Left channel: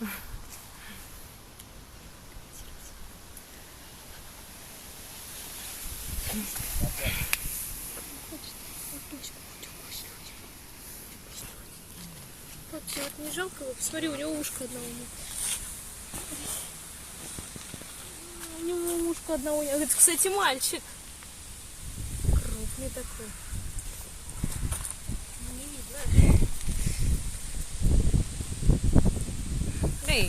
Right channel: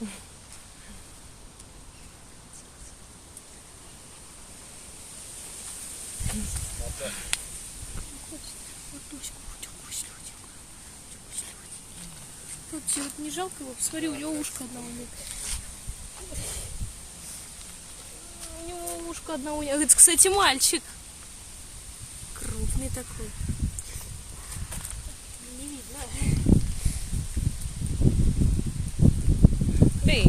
Вот тебе вот не жалко, вот смотри, у него ушко одного нет. У него ушко одного нет. Это, кстати, мальчик. Крупный такой. Не видно. Эй,